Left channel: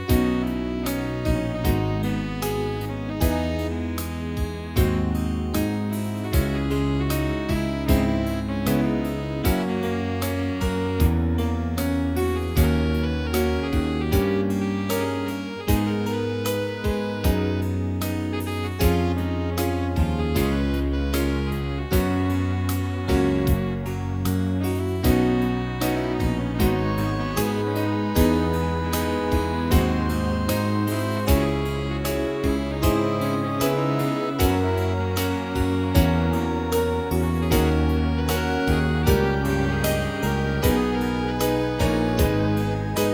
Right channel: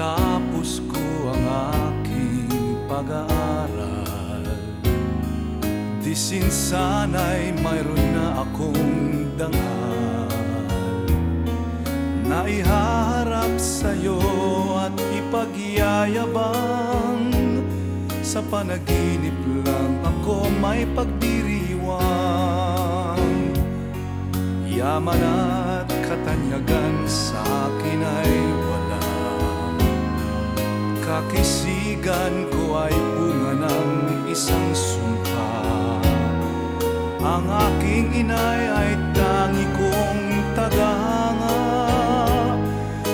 Natapos ko ang aking pag-aaral, di sana'y mayroon na akong daan na ihaharap sa'yo at ipagyayabang. Sa panaginip lang ako may pagdiriwang, yaman at katanyagan sa akin ay wala. Kakisigan ko ay bunga ng isang sumpa. Ang aking inay ay tangi kong tagahanga.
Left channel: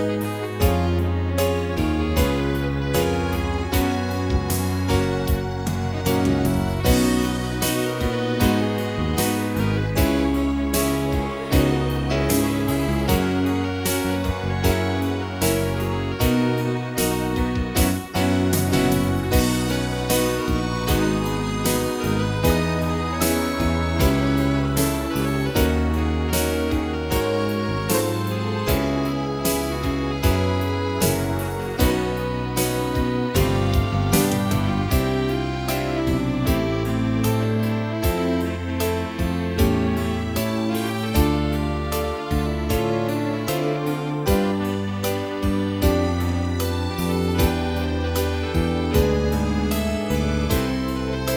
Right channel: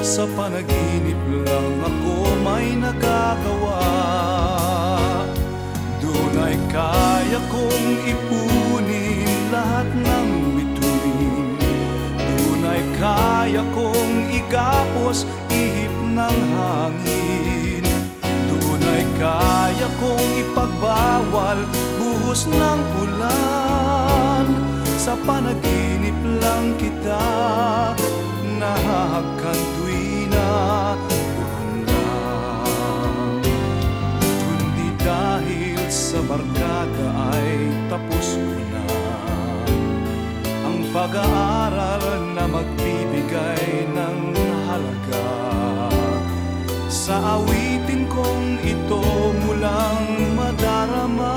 Sa panaginip lang ako may nagagawa. Doon ay kaya kong ipunin lahat ng bituin. Doon ay kaya kong igapos ihip ng hangin. Doon ay kaya kong ipagbawal buhos ng ulan. Sa panaginip lang kita nahahakan tuwina. Kundi dahil sa barkada ay tapos na ang pag-aaral na magbibigay ng halaga. Sa awitin kong ito mulang madarama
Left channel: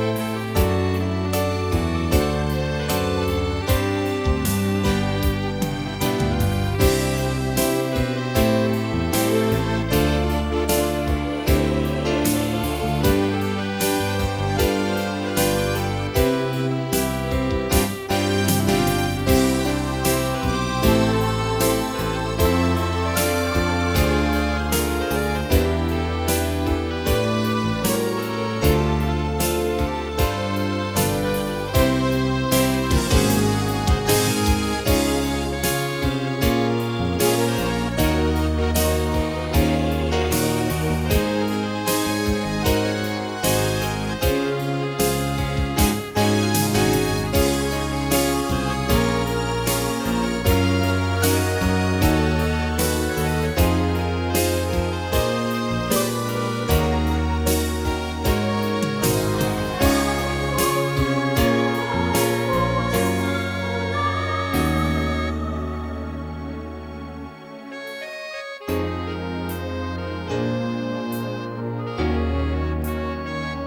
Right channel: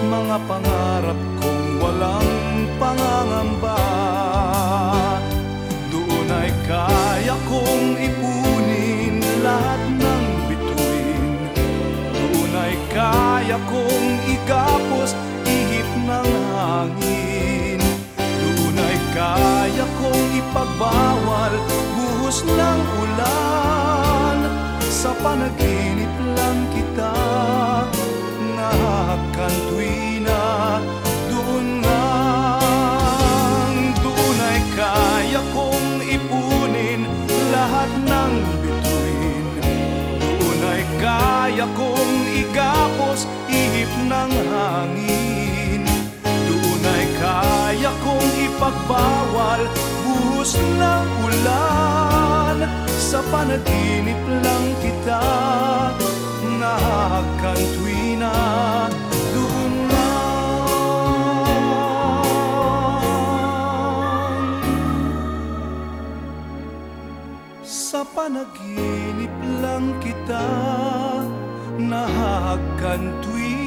mga pangarap kong walang pangangamba. Doon ay kaya kong ipunin lahat ng bituin. Doon ay kaya kong igapos ihip ng hangin. Doon ay kaya kong ipagbawal buhos ng ulan. Sa panaginip lang kita nahahakan tuwina. Doon ay kaya kong ipunin lahat ng bituin. Doon ay kaya kong igapos ihip ng hangin. Doon ay kaya kong ipagbawal buhos ng ulan. Sa panaginip lang kita nahahakan tuwina. Doon sa panaginip lang kita nahahakan tuwina.